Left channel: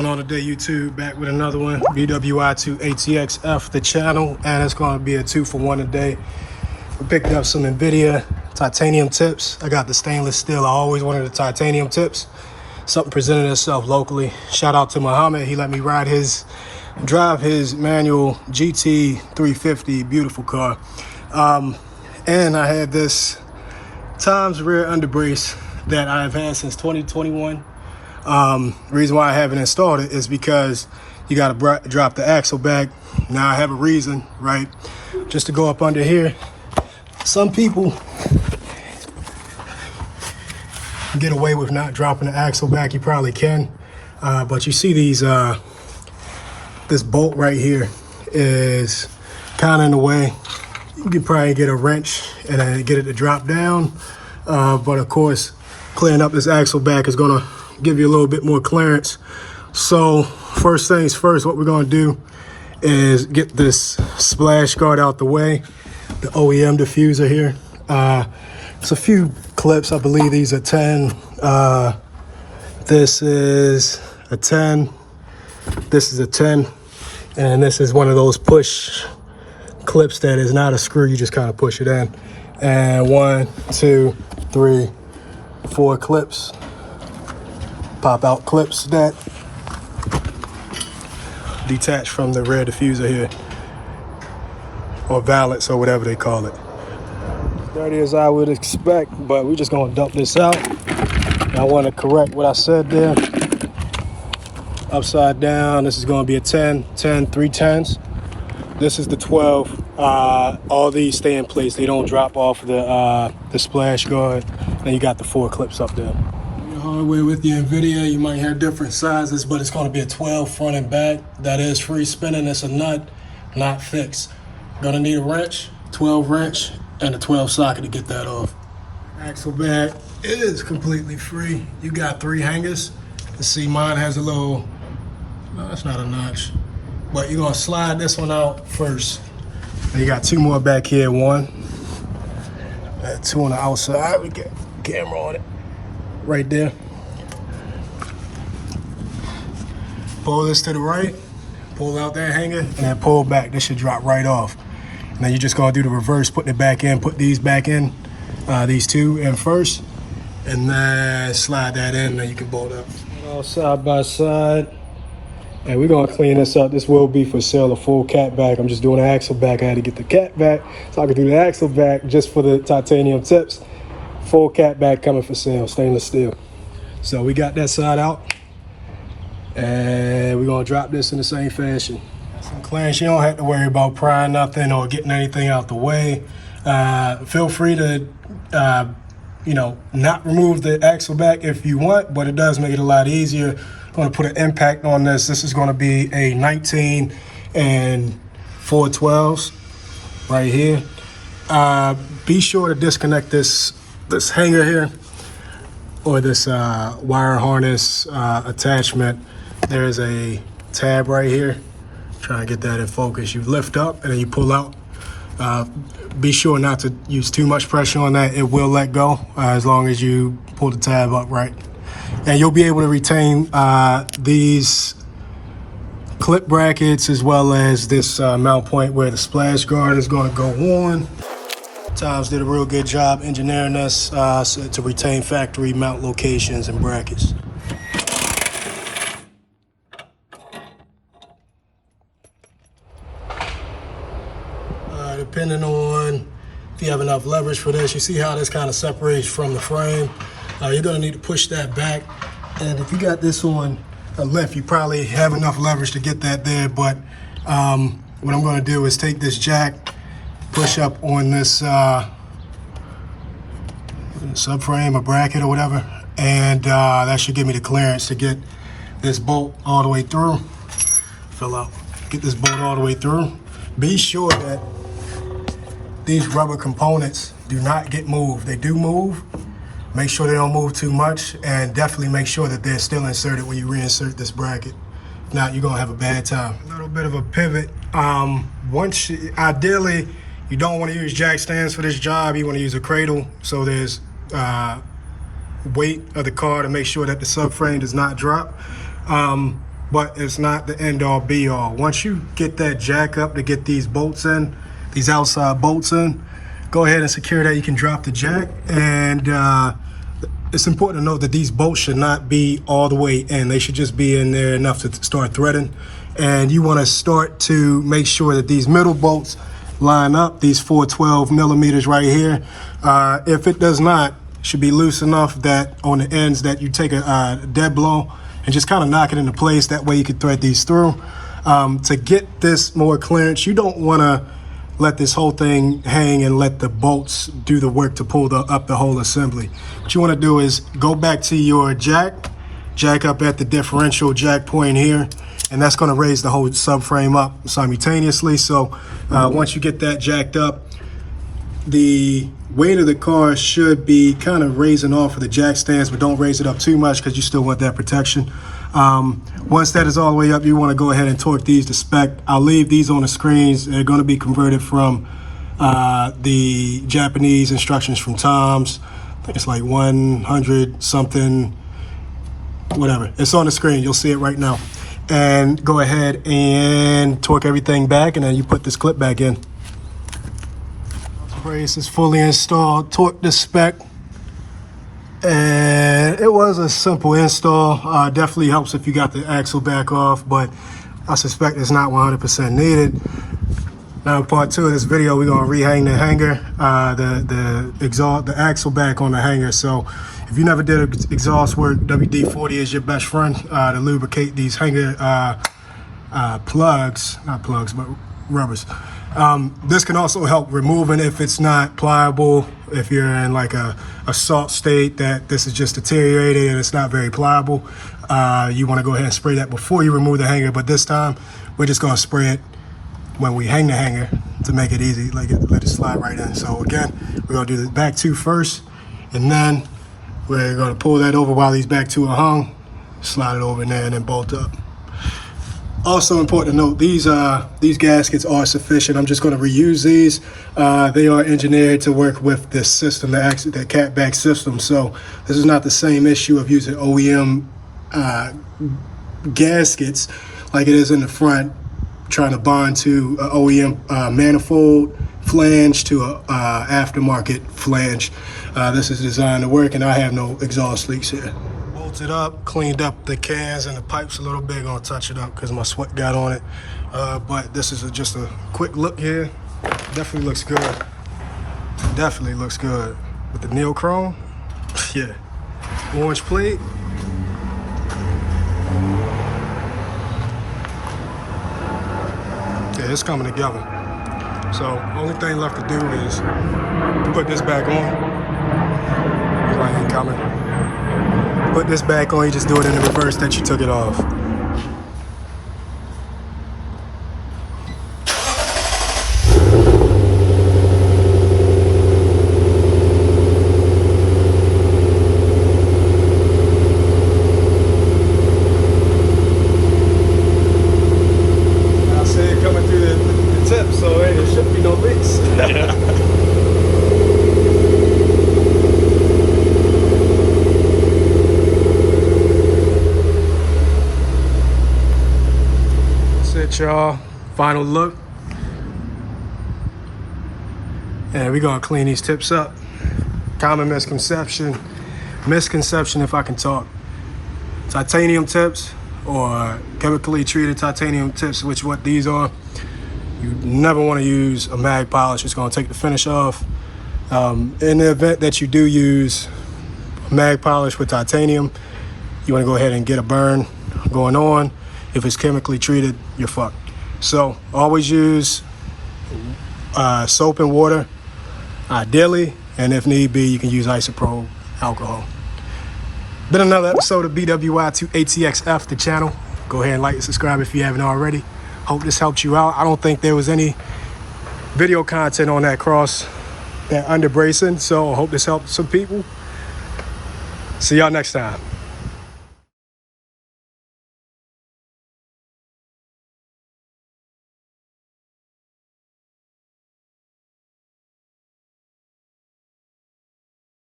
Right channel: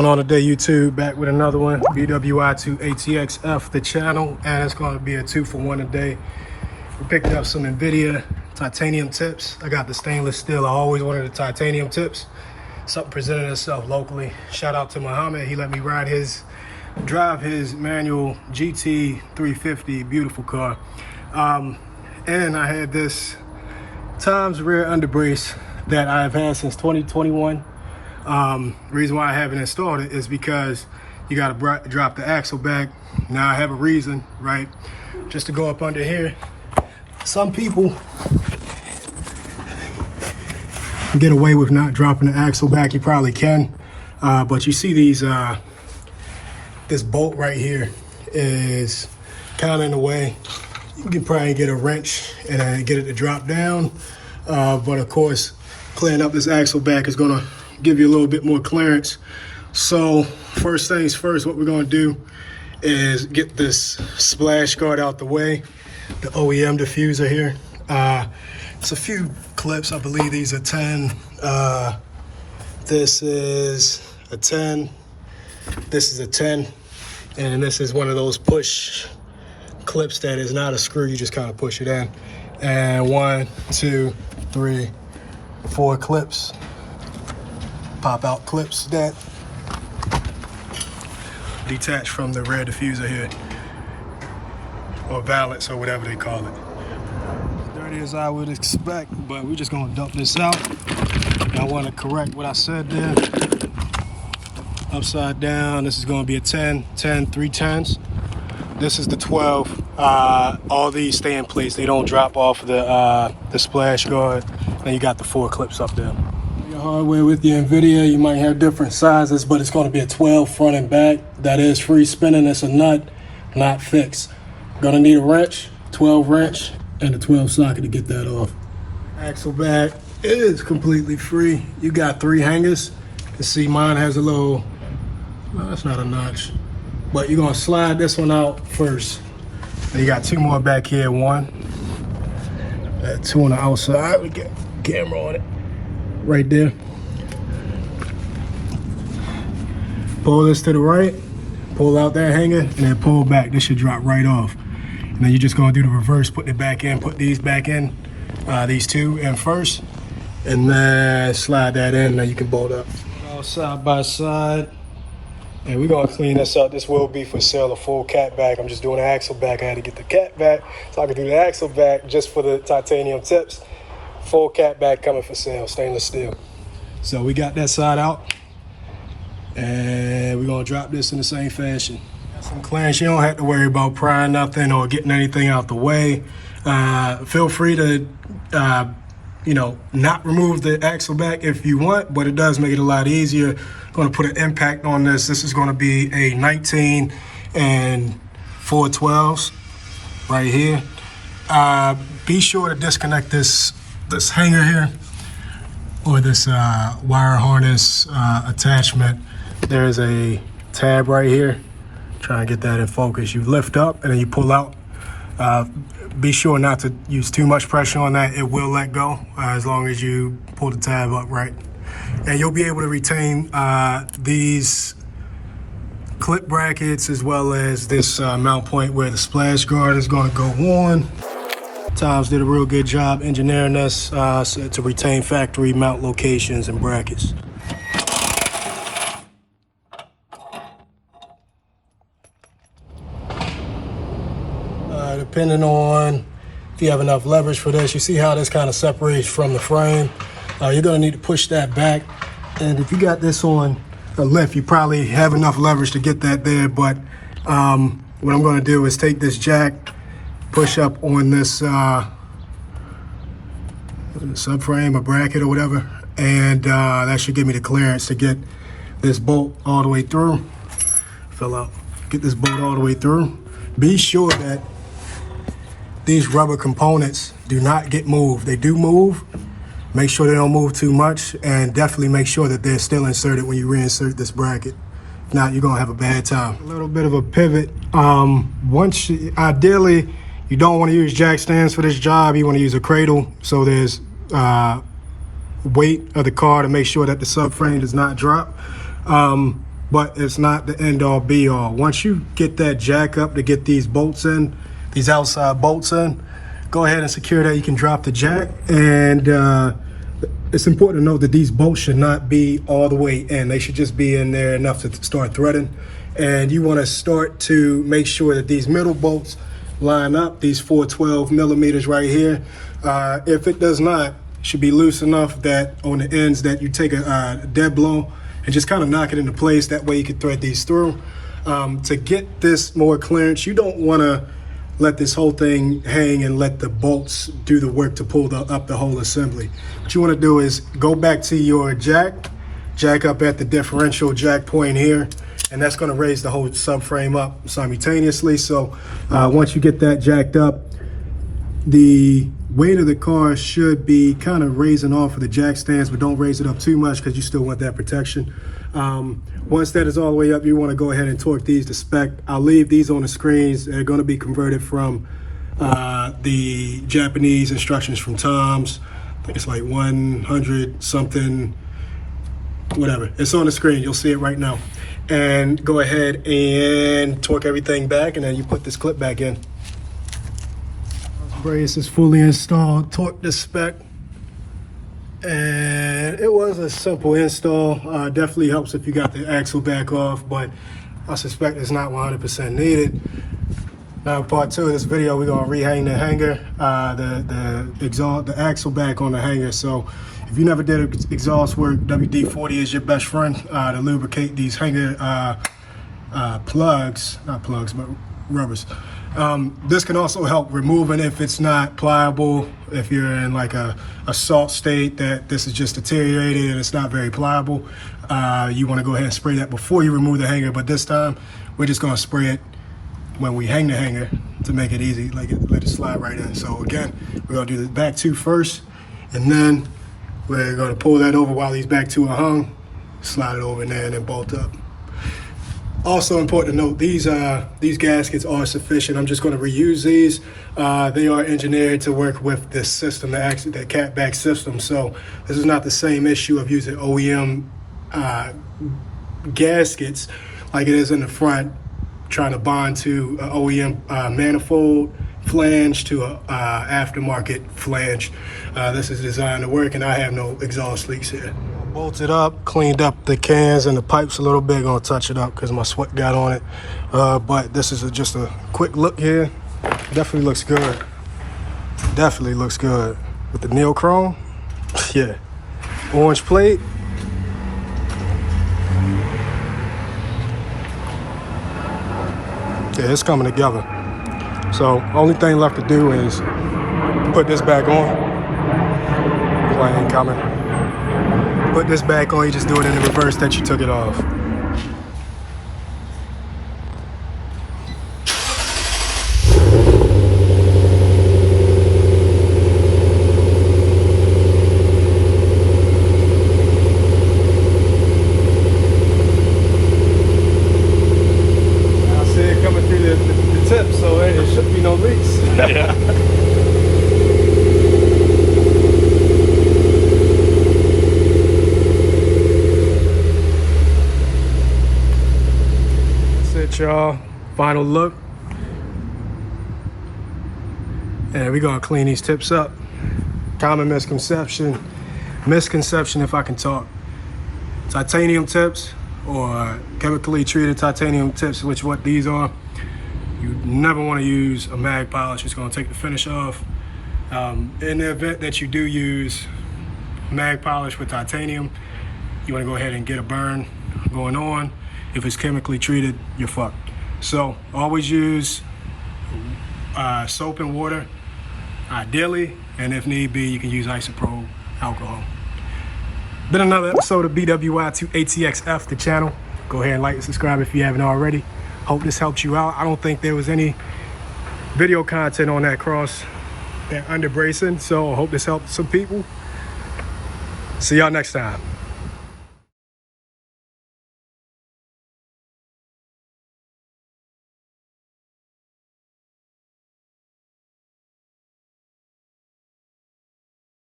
On today, YouTube, back with another one, BWI2ATXF, the channel, and it's going to be a 2-for-1 today. We picked up some Invidia titanium tips. I got the stainless steel. I always wanted the titanium tips. Something presented itself locally. Shout out to Muhammad. He let me drive his manual GT 350, beautiful car. And I had this Times rear underbrace that I've had since 2021. Reason why I haven't installed it is because you got to drop the axle back. Now I have a reason, right? Just to go up under here. Some people get away with not dropping the axle back. You probably can, but you see these this bolt right here is kind of in the way. You can probably get a wrench and get it to drop down, but of course clearing up this axle back is gonna give you a little bit more clearance. So first things first, what we're going to do is get this splash guard out the way, the OEM diffuser here. It's a few clips. I believe these are 10. This is a 10. This is a 10. And this is one of those push clips that is not a screw. You just kind of push it in. And 1, 2, 3, 4 clips. Pop out clips that detach from the rear diffuser here, or valance, or whatever they call it. Dirty as I would expect, but we're just gonna dump this out. I want to correct what I said there. Upside down, this is gonna be a 10, 10, 3 10s. This is the 12. All these stay in place. They don't drop off the splash guard. And you got the 4 clips up there. Your hardware with the Invidia, you might have different sizes, but it's going to be a 12 front and back. That is free spinning. It's a nut, not fixed. Gonna need a wrench, 12 wrench, and a 12 socket to get that off. Axle back is completely free. You got 3 hangers. You see mine has a little, well, that's not a notch, but you're gonna slide this one out first. And you got 2 more back here, 1 and 2 on the outside. We got camera on it. Right there. Pull this to the right, pull out that hanger, and then pull back. This should drop right off. Now you're just gonna do the reverse, putting it back in, put these back in, these 2 in first, and then slide that in, and you can bolt up. All side by side. And we're gonna clean this up. This will be for sale, a full cat back. I'm just doing the axle back. I had to get the cat back, so I could do the axle back just for the titanium tips. Full cat back coming for sale, stainless steel. So we got that side out, and we're gonna drop this in the same fashion. Got some clearance. You don't have to worry about prying nothing or getting anything out the way. Feel free to, not remove the axle back if you want, but it does make it a lot easier. Going to put an impact on this. This is going to be a 19 and 412s right here. Be sure to disconnect this hanger here, or this wire harness attachment. There's a tab right here. Try and get that in focus. You lift up and then you pull out. Be sure not to use too much pressure on that. It will let go as long as you pull the tab up right. And you'll be able to retain these clip brackets, as well as this mount point where the splash guard is going to go on. Times did a real good job engineering us to retain factory mount locations and brackets. Depending on if you have enough leverage for this, you see how this kind of separates from the frame. You're gonna need to push that back. And if you got this on a lift, you probably have enough leverage to get that there. But what I'm gonna do is take this jack, push up on this subframe or bracket or whatever, and that should give me the clearance to get this bolt all the way through. Fill out, get this bolt all the way through. Be sure that these rubber components do not get moved. They do move. Make sure they don't move too much, and definitely make sure that they're still inserted when you reinsert this bracket. If not, you're gonna have a bad time. A little bit of a pivot. Ideally, you don't want to use jack stands for this job. You want to use a cradle, so there's weight of the car to make sure that the subframe does not drop. but it's not the end all be all. Once you get that jack up to get these bolts in, these outside bolts in, go ahead and secure that. You can drop the jack, and it's important to note that these bolts should not be all the way in. They should just be in there enough to start threading. And you want to start to make sure that these middle bolts line up, these 412 millimeters right here. If it does not, it should be loose enough that on the ends that you take a dead blow and just kind of knock it into place. That way you can thread these through. To get this more clearance, you don't want to let this whole thing hang and let the bolts do the work to pull up the whole assembly. What you want to do is go back to your jack up at the differential jack point here, and that's going to raise the whole subframe up simultaneously. So once you get that jacked up, the weight of the car should be kind of raising off of the jack stands, but don't raise it up too much because you still want that protection. Once that is all the way up, you want to go ahead and torque these to spec. I'll leave these on the screens. They're going to be converted from the Japanese instructions from Tom's. I think it's like 100 something, whatever. It's on the screen. You'll see it right now. And go ahead and torque everything back, and then you put this clip back in. Brace is fully installed. Torque the spec. And it was a simple install. Definitely helps if you got the axle back off, but I suspect it's not 100% needed. Now in part 2 of this video, we're gonna rehang the hanger, the axle back on the hanger. So if you never did exhaust work, WD-40 is your best friend to lubricate these hanger plugs, not plugs, but rubbers. This can also help removing if it's not pliable, if you're in like a salt state that this is just deteriorating and it's not very pliable. You want to go ahead and spray that before you remove the hanger, but this time we're just going to spray it when we hang the hanger to make it easy, let it slide right in. So again, we're going to do the back two first, and then we're going to pull that over while these back two are hung, slide it over in there, and then bolt up. Also important to note, these gaskets are sufficient. I'm just going to reuse these. They are engineered to work with this system, the catback system. So this is not the same issue of using OEM gaskets like it is in the front, trying to bond to an OEM manifold flange to a aftermarket flange. This is designed to work, and I have no exhaust leaks here. Bolted up, cleaned up the cans and the pipes a little bit. Gonna touch it up because my sweat got on it. But this is just a quick look here. Definitely looks good. Definitely looks good with the neochrome. Yeah, orange plate. Yeah, it's coming together. So only thing left to do is put this back on. Like ain't coming. Put this back on, you just do it in the reverse that you took it off. I see it coming through the tip, so there should be no leaks. Y'all, final look, and we're gonna clean these tips up. Common misconception if I can talk, titanium tips or chemically treated titanium tips, which what these are, you never want to use a mag polish. It's going to take the finish off. In the event that you do use mag polish with titanium, you want to go ahead and get a burn going on. If it's chemically treated, you're fucked. So always use soap and water, ideally, and if need be, you can use isopropyl alcohol. Been another episode of BWI2ATXF, the channel. Go ahead and like and subscribe if you haven't already. Hope this helped you out. I don't think there was any video content on that under bracing, so I hope this helped some people. See y'all next time.